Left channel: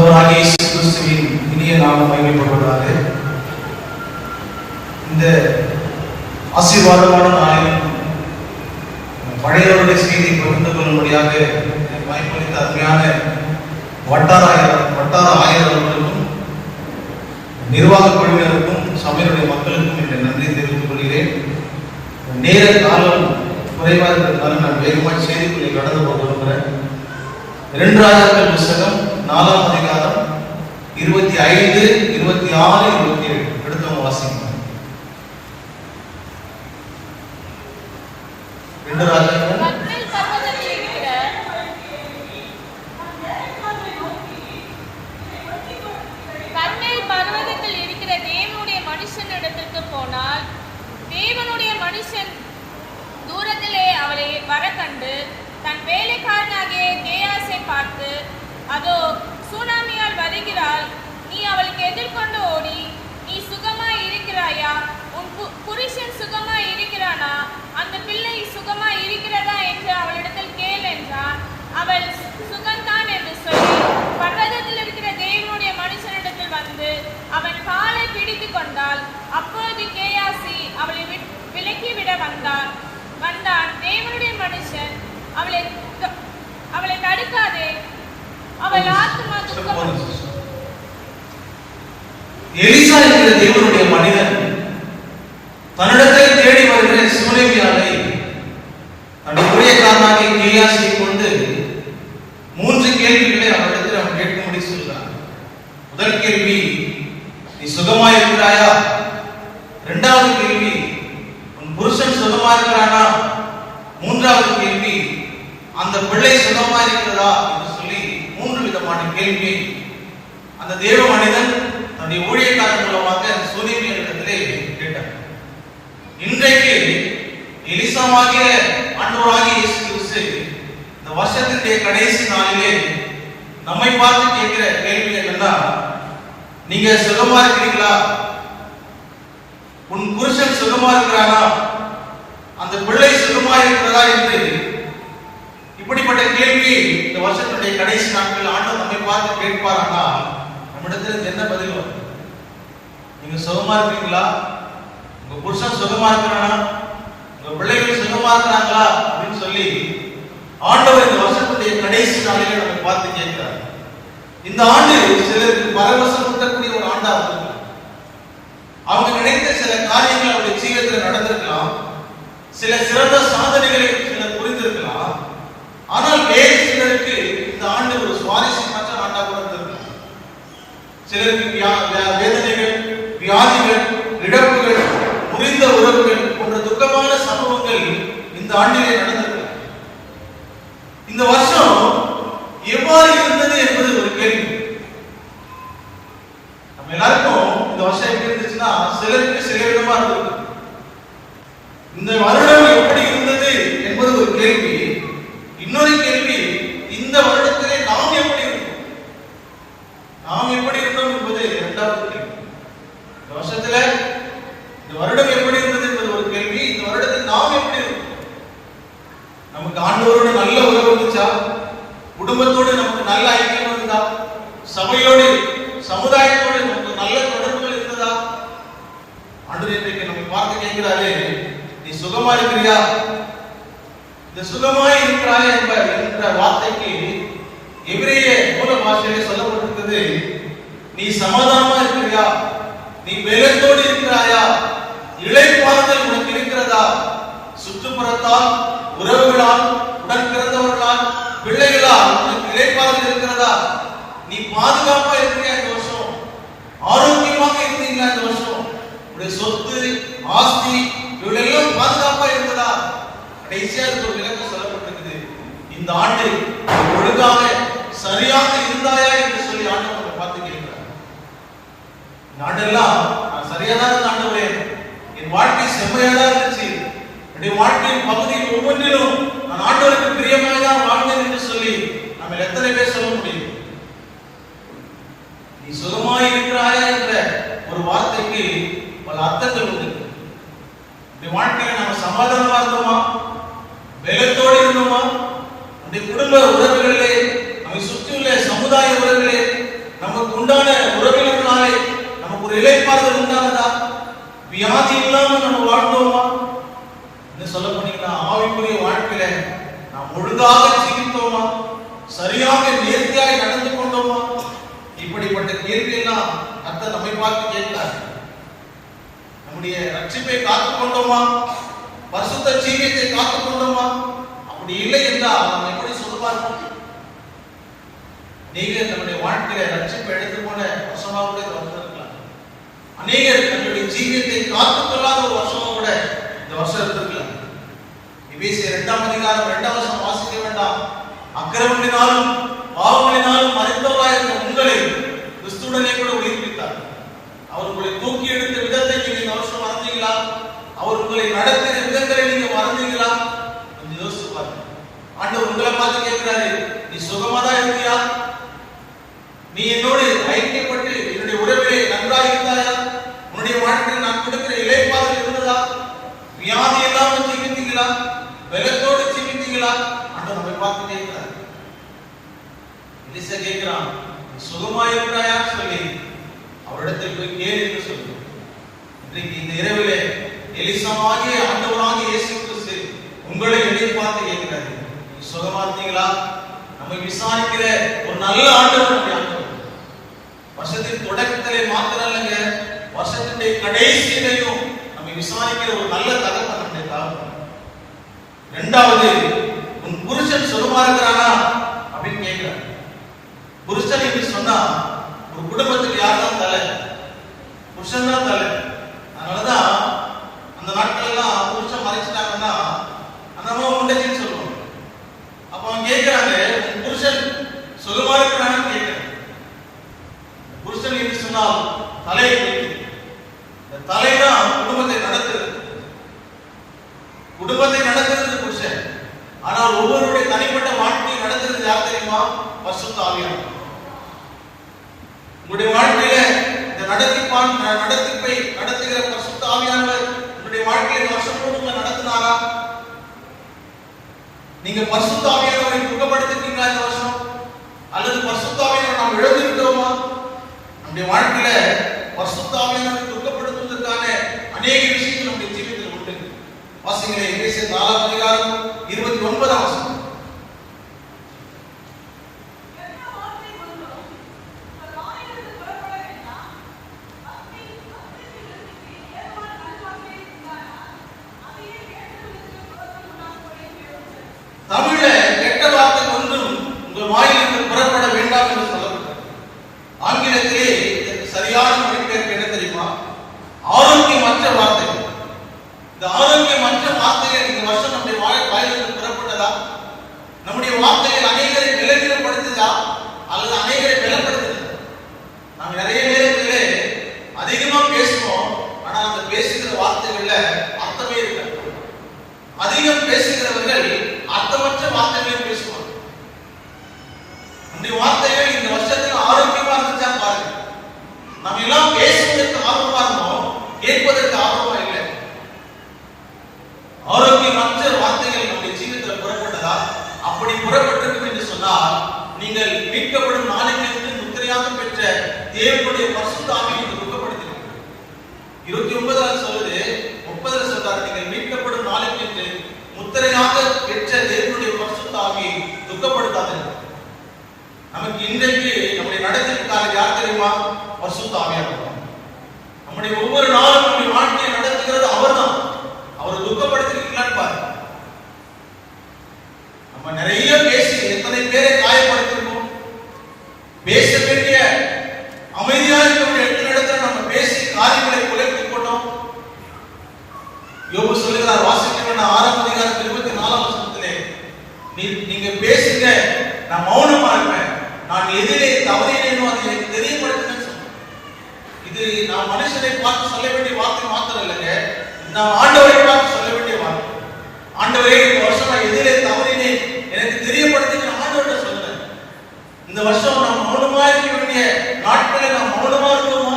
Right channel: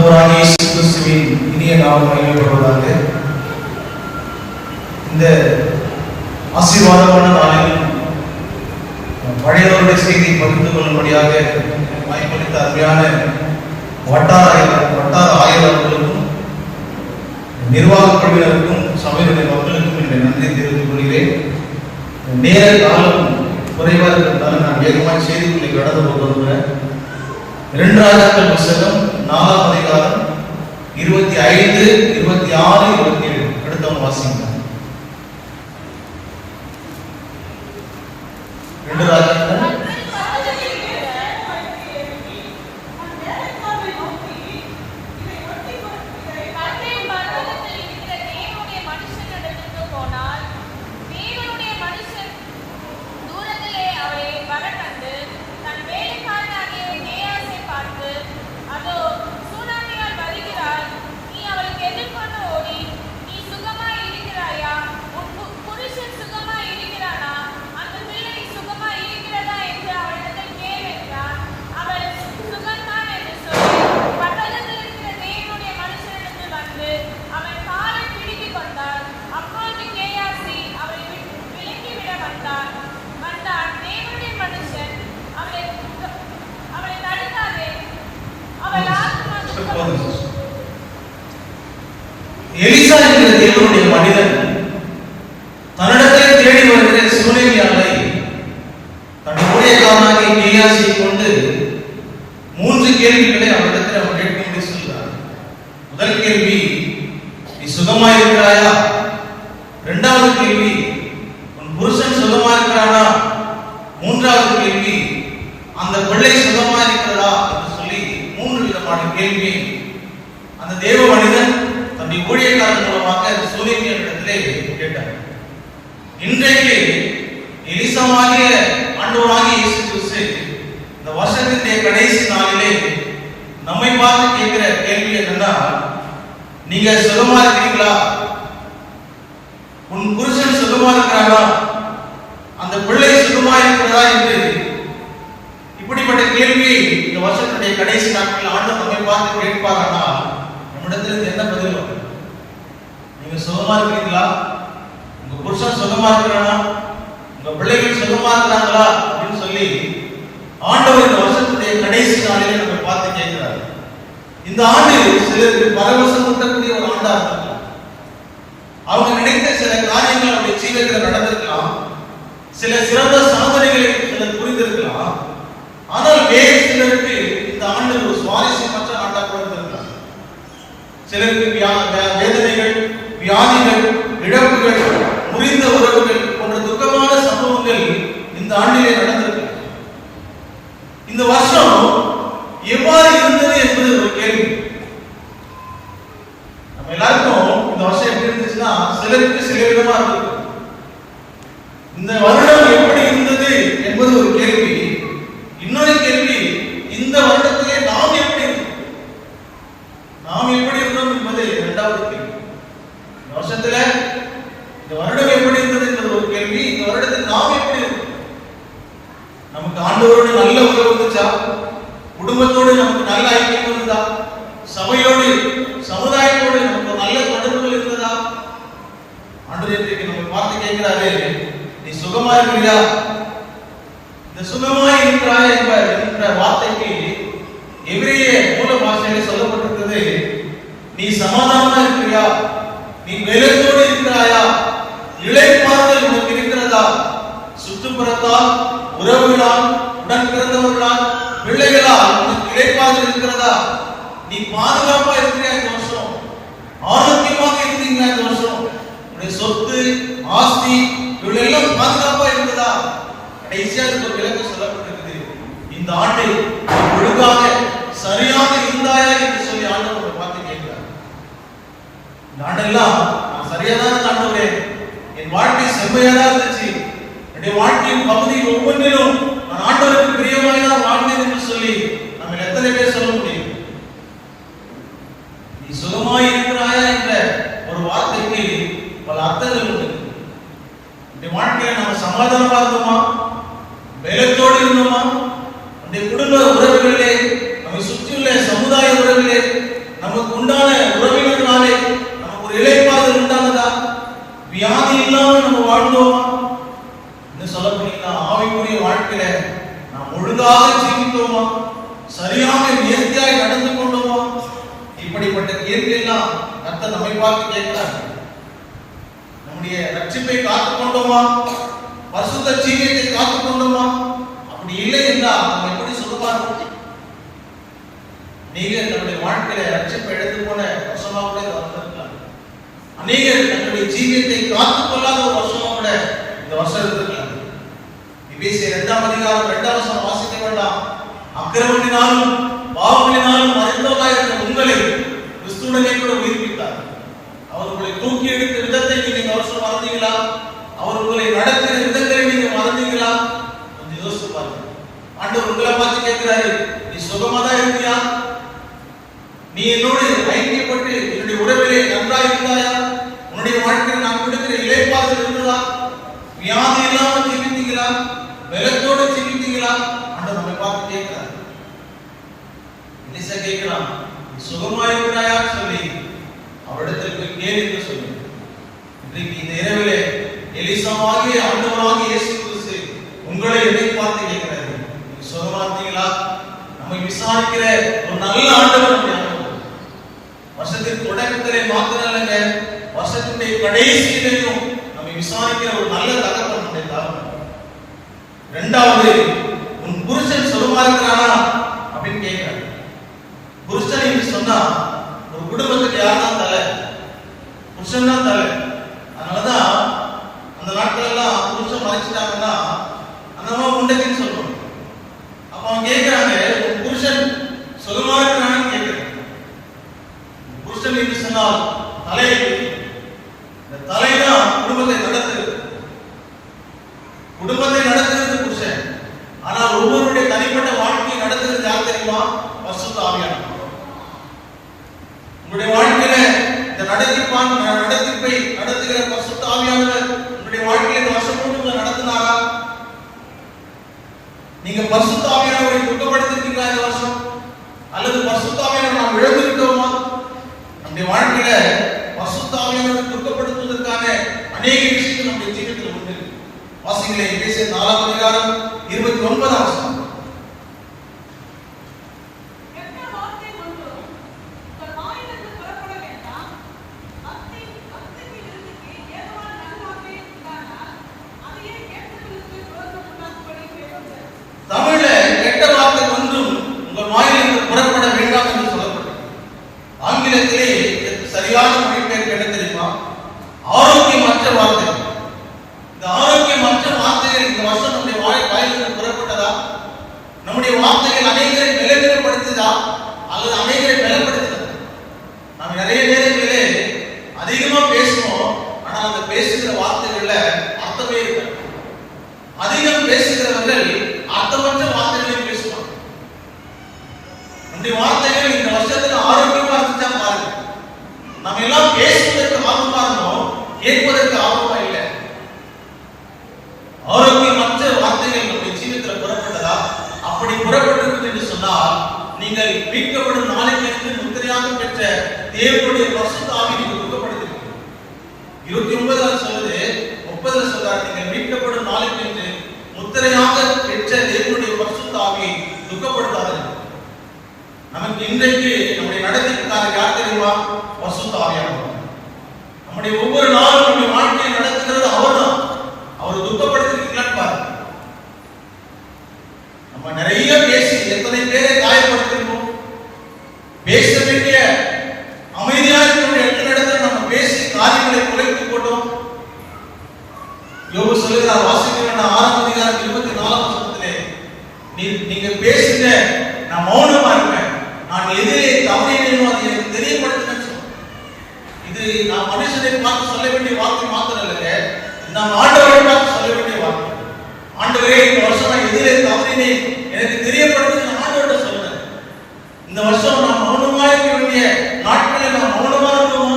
ஆண்டவராகிய இயேசு கிறிஸ்துவின் இனிய நாமம் மகிமைப்படுவதாக. இந்த ஆசீர்வாதமான நாளில் பழையவருடைய செய்தியை பகிர்ந்து கொள்ளும்படியாக வாய்ப்பளித்த அருமையான வட்டார ஆயர் அவர்களுக்கும் நிர்வாக குழுவினருக்கும் சபையுடைய மக்களுக்கும் என்ற நன்றி தெரிவித்துக் கொள்கிறேன். நேர காலம் குறைவாக இருக்கிறதால் நான் வேகமான செய்திக்குள்ளே கடந்து கொண்டு வருகிறேன். 2 ராஜாக்கள் புத்தகம் 4ஆம் அதிகாரம் 25, 26, 27 எடுத்தவங்க வாசிங்க. 2 ராஜாக்கள் எலிசா என்கிற தேவனுடைய மனிதன் தன்னிடத்தை தேடி வருகிற சூலேமியாவை தன்னுடைய ஊழியக்காரனாக கேயாசியை கொண்டு 3 கேள்விகளை அவரிடத்தில் அவன் கேட்கும்படி சொல்கிறார். முதல் கேள்வி, நீ சுகமாயிருக்கிறாயா? 2வது கேள்வி, உன் புருஷன் சுகமாயிருக்கிறானா? 3வது கேள்வி, அந்த பிள்ளை சுகமாயிருக்கிறதா என்று சொல்லி 3 விதமான கேள்வி அந்த தேவ மனிதன் தன்னுடைய ஊழியக்காரன் மூலமாக அந்த சூலேமியாவிடத்திலே கேட்டார். இன்றைக்கு எலிசாவாகிய ஆண்டவராகிய இயேசு கிறிஸ்து இந்த வருஷத்தினுடைய கடைசி நாளிலே நம்மை பார்த்து கேட்கிற கேள்வி என்னன்னா, நீங்க சுகமா இருக்கிறீங்களா? உன் புருஷன் சுகமா இருக்கிறாரா? அந்த பிள்ளை சுகமா இருக்கிறதா? என்று இப்படிப்பட்ட கேள்வி இந்த வருஷத்தினுடைய கடைசி நாட்களில் ஆண்டவர் நம்மை பார்த்து கேட்பாரானா நம்மிடத்தில் என்ன பதில் வரும்? நீங்க சுகமா இருக்கிறீங்களா? உங்க புருஷன் சுகமா இருக்கிறானா? உங்க பிள்ளைகள் சுகமா இருக்கிறாங்களா? அப்படின்னு சொல்லி ஆண்டவர் இந்த வருஷத்துடைய கடைசி நாளிலே நம்ம பார்த்து கேட்கிறார். இந்த ஆண்டு சிலருக்கு பரவசம் ஊட்டக்கூடிய ஒரு ஆண்டா இருக்கலாம். அவங்க நினைத்த சில காரியங்கள் அவருடைய ஜீவிதத்தில் நடந்திருக்கலாம். சில சிறந்த சாதனைகளை சிலர் புரிந்திருக்கலாம். ஆனால் வேறு சிலருக்கு இந்த ஆண்டு ஒரு சுவாரஸ்யமற்ற ஆண்டா கூட இருந்திருக்கலாம். சிலருக்கு வேதனைகள், வியாதிகள், இழப்புகள், முறிந்த உறவுகள் போன்ற துக்கமான சம்பவங்கள் இந்த ஆண்டிலே நடந்திருக்கு. இந்த வருஷம் எவ்வாறு இருந்தது என்பது ஒரு கேள்வி. நம்ம எல்லாருக்கும் இந்த வருஷம் எப்படி இருந்துச்சுன்னா சிலருக்கு சில விதமா இருக்கு. இந்த வருடம் எப்படி இருந்தது என்பது ஒரு கேள்வி. இன்னொரு கேள்வி, இந்த வருடத்திலே நாம் எப்படி இருந்தோம் என்பது 2வது கேள்வி. இந்த வருஷத்துல இந்த வருடம் எப்படி இருந்தது என்பது ஒரு கேள்வி. இந்த வருடத்தில் நாம் எப்படி இருந்தோம்? நமக்கு ஆண்டவரோடு நல்ல உறவு இருந்துச்சா? குடும்பத்தோடு நமக்கு நல்ல ஐக்கியம் இருந்ததா? சபையோடு, சமுதாயத்தோடு நமக்கு நல்ல தொடர்புகள் இருந்ததா? ஆண்டவரே நம்ம பார்த்து கேட்கிறாரே, நீ சுகமா இருக்கிறியா? இந்த சுகமாய் இருக்கிறாயா என்ற வார்த்தைக்கு எபிரேய மூல பாஷையில் சொல்லப்பட்டிருக்கிறது, நீ சமாதானமா இருக்கிறியா? நீ வேலைத்தோடு இருக்கிறாயா? இளைப்பாறுதல் உனக்கு இருக்கிறதா? சுற்றுப்புறத்தால், உறவுகளால், உடன் பிறந்தவர்களால், பிள்ளைகளால் உனக்கு இளைப்பாறுதல் இருக்கிறதா? நீ பாதுகாப்பா இருக்கிறியா? இந்த வருஷம் ஆரோக்கியமாக இருக்கிறீங்களா? இந்த வருஷம் உடைய சொத்து, ஆஸ்தி இவளெல்லாம் பாதுகாப்பா இருந்ததா? கடைசியா ஒரு விளக்கு சொல்லப்பட்டிருக்குது, இந்த ஆண்டு ஒழுங்காக சரியாக இருந்தாயா என்று சொல்லி ஆண்டவர் பார்த்து கேட்கிறார். இந்த ஆண்டெல்லாம் நான் சரியாதான் ஆண்டவரே, என் வாழ்க்கை செம்மையாதான் இருந்துச்சு, என்னுடைய வாழ்க்கையின் பகுதி ஒவ்வொன்றிலும் நான் ஆண்டவருக்கு பிரியமாய்தான் வாழ்ந்தேன் என்று சொல்லி நம்ம எத்தனை பேர் சொல்ல முடியும்? நீ சுகமாய் இருக்கிறாயா என்ற ஒரு வார்த்தைக்கு பல அர்த்தங்கள் உண்டு. இந்த வாழ்க்கையை நம்ம சமாதானமா இருந்தோமா? வேலைத்தோடு இருந்தோமா? அந்த குடும்ப உறவுகளிலே, நம்மை சுற்றியுள்ள சமுதாய உறவுகளிலே கர்த்தர் நம்மை பார்த்து கேட்கிறார், நம்முடைய ரட்சிப்பை காத்துக் கொண்டோமா, பரிசுத்த ஜீவியத்தை காத்துக் கொண்டோமா? அப்படி இல்லை என்றால் நம்ம எப்படி சொல்லலாம்? நீங்கள் நம்முடைய வாழ்க்கையில ரட்சிப்பை எடுத்து போன வருஷமா கூட வந்திருக்கலாம். அநேகர் நம்முடைய ஜீவியத்தை காத்துக் கொள்ளாத ஒரு வருஷமா கூட இந்த வருஷம் இருந்திருக்கலாம். எபேசியர் 2ஆம் அதிகாரம் 2ஆம் வசனம் வாசிக்க வேண்டாம். அக்கிரமங்களினாலும் பாவங்களினாலும் மறைந்தவராயிருந்த உங்களை கிறிஸ்துவுடனே கூட உயிர்ப்பித்தார். அவர் உங்களை தூக்கி எடுத்த விதத்தை நீங்க இந்த வருஷம் மறந்தீங்களா? அவர் உங்களை நடத்தின விதங்களை நீங்க மறந்தீங்களா? கொஞ்சம் யோசிச்சு பாருங்க. ஆண்டவர் உங்களை பார்த்து கேட்கிறாரு, நீ சுகமா தான் இருக்கியா? நீ என்னோடு ஐக்கியப்பட்டு என்னுடைய உறவிலே நன்றாக இருந்தாயா? உன்னுடைய வாழ்க்கையில் நான் கொடுக்கிற இளைப்பாறுதல் இருந்ததா? வியாதி இல்லாமல் ஜீவித்தீங்களா? பலத்தோடு ஜீவித்தீங்களா? ஆண்டவர் நம்மை பார்த்து கேட்கிறார். எலிசா கேட்கிறான், நீ சுகமா இருக்கிறாயா சொல்லி அவரிடத்தில் போய் கேள் என்று சொல்லி. இன்றைக்கு இந்த இரவிலே எலிசாவாகிய ஆண்டவராகிய இயேசு கிறிஸ்து உங்களை என்னை பார்த்து கேட்கிறாரு, நீ சுகமா இருந்தீங்களா? நம்மை விசாரிக்கிற ஒரு நல்ல ஆண்டவர் நம்முடைய ஆண்டவர். வருஷத்தின் தொடக்கத்திலே மாத்திரம் இல்லைங்க, வருஷத்தினுடைய கடைசியிலையும் நம்மை விசாரிக்கிற ஒரு நல்ல தகவல் நம்முடைய தகவல். இரண்டாவது, உன் புருஷன் சுகமா இருக்கிறானா அப்படின்னு கேட்கிறார். புருஷன் என்று சொன்னா ஒரு குடும்பத்துக்கு யார்தான் தலை? புருஷன் தான் தலை. அதனாலதான் அந்த நாட்கள் எல்லாம் புருஷன் மறைச்சிட்டாங்கன்னா அந்த அம்மா உண்டத்தின்னு சொல்லுவாங்க. அப்ப அவன் கேட்கிறாங்க, உன் புருஷன் சுகமா இருக்கிறான்னு கேட்கிறான். புருஷன் என்று சொன்னால் தலையை, இந்த தலைதான் குடும்பத்தை நடத்துறது. குடும்பத்தை நடத்துறது புருஷன். ஆனால் ஒவ்வொருடைய தனிப்பட்ட வாழ்க்கையை நடத்துறது யார் தெரியுமா? பரிசுத்த ஆவியானவர். உங்களுடைய வாழ்க்கையில இந்த நடத்திப்பை நடத்துகிற பரிசுத்த ஆவியானவர் உங்களுடைய வாழ்க்கையில வருஷம் முழுக்க நடத்தினாரா? நீங்க பரிசுத்த ஆவியானவரை துக்கப்படுத்திட்டீங்களா இந்த வருஷம்? அல்லது பரிசுத்த ஆவியானவரை நாம் இழந்துவிட்டோமா? நம்முடைய வாழ்க்கையில பரிசுத்த ஆவியானவரை துக்கப்படுத்துவதற்கான அநேக விஷயங்கள் நம்முடைய ஜீவிதத்தில் உண்டு. வாசிங்களே, எபேசியர் 4ஆம் அதிகாரம் 29ஆம் வசனம். தமிழ்ல கெட்ட வார்த்தை ஒன்றும் உங்கள் வாயிலிருந்து புறப்பட வேண்டாம் என்று சொல்லப்பட்டது. ஆங்கிலத்திலே சரியான மொழிபெயர்ப்பு என்ன தெரியுமா? ஆரோக்கியமற்ற வார்த்தைகள். இந்த ஆரோக்கியமற்ற வார்த்தைகள் இந்த வருஷம் நம்முடைய வாயிலிருந்து புறப்பட்டதா? நம்முடைய வார்த்தைகள் அநேகரை பலவீனப்படுத்துதா அல்லது அநேகரை பலப்படுத்துதா? நாம் நிறைய நேரங்களிலே அதிகமா பேசுவோம், ஆனால் அந்த பேசுகிற வார்த்தைகள்ல அர்த்தமே இருக்காது. அதிகம் பேசுகிறவர்கள் அர்த்தமற்ற வார்த்தைகளையும் பேசுவாங்க. நம்முடைய வார்த்தைகள் இந்த வருஷத்துல ஆரோக்கியமா இருந்துச்சா பாருங்க. நம்ம எல்லாம் பேசுவதற்கு ஆர்வமா இருந்தோம், கேட்பதற்கு ஆர்வமா இல்லை. ஆரோக்கியமற்ற வார்த்தைகள் நம்முடைய ஜீவிதத்தில் புறப்பட்டதா? அப்படி புறப்பட்டிருக்கு என்று சொன்னால் நீங்கள் மீட்கப்படும் நாளைக்கு முத்திரையாக பெற்ற தேவனுடைய பரிசுத்த ஆவியை நீங்கள் துக்கப்படுத்திருக்கீங்க. 29 சொல்லுது, 30 சொல்றாரு, நீங்கள் மீட்கப்படும் நாளைக்கு முத்திரையாக பெற்ற தேவனுடைய பரிசுத்த ஆவியை துக்கப்படுத்தாதீர்கள். நமக்கு இன்றைக்கு நம்முடைய நடத்திற்காக யார் தெரியுமா? பரிசுத்த ஆவியானவர். நம்முடைய ஒவ்வொரு நாளும் நம்முடைய வாழ்க்கையை நடத்துகிறது அவர்தான். அவர் துக்கப்படுத்திருக்கிறார் பாருங்க. நம்ம நிறைய பேசி எத்தனை பேரை காயப்படுத்திருக்கோம். பேச வேண்டிய அமைதியாக இருக்கக்கூடிய இடத்துல நம்ம பேசி காரியங்களை குலைத்துக் கொண்டோம். யோபு சொல்லுகிறார், வாசிக்கிறேன் 6ஆம் அதிகாரம் 24ஆம் வசனத்திலே, நீங்க பேசுங்க, நான் மௌனமா இருப்பேன், நான் எதிலே தவறினேனோ அதை எனக்கு தெரியப்படுத்துங்கன்னு சொல்றேன். இது நான் மனுஷனை பார்த்து சொல்ல வேண்டிய வார்த்தை மாத்திரம் இல்லைங்க, நாம் ஆண்டவரை பார்த்து சொல்ல வேண்டிய வார்த்தை. ஆண்டவரே, இந்த வருஷம் நான் எதிலே தவறினேன், எனக்கு தெரியப்படுத்துங்க நான் ஆண்டவர்கிட்ட சொல்றேன். இந்த வருஷம் நான் மௌனமா இருக்க வேண்டிய நாட்களில் நான் மௌனமா இருக்கோமா?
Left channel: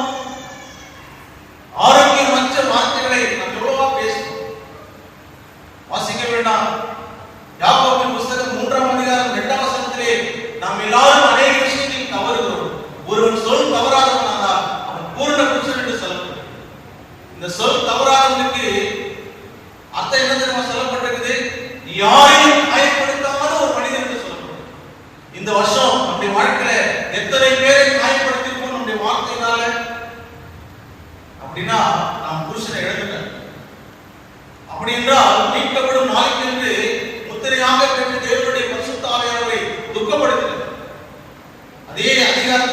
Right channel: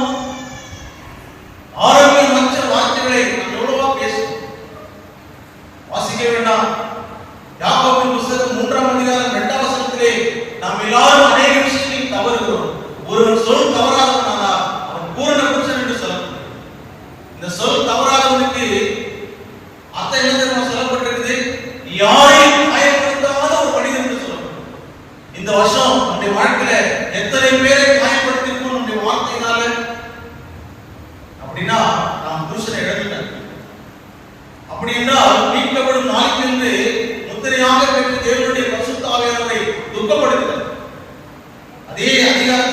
ஆரோக்கியமற்ற வார்த்தைகளை நாம் எவ்வளவா பேசுவோம். வாசிக்க வேண்டாம். யாக்கோபின் புத்தகம் 3ஆம் அதிகாரம் 2ஆம் வசனத்திலே நாம் எல்லாரும் அநேக விஷயங்களில் தவறுகிறோம். ஒருவன் சொல் தவறாதவனாக அவன் பூரண புருஷன் என்று சொல்லப்படும். இந்த சொல் தவறாதவனுக்கு அர்த்தம் என்ன தெரியுமா சொல்லப்பட்டிருக்குது? யாரையும்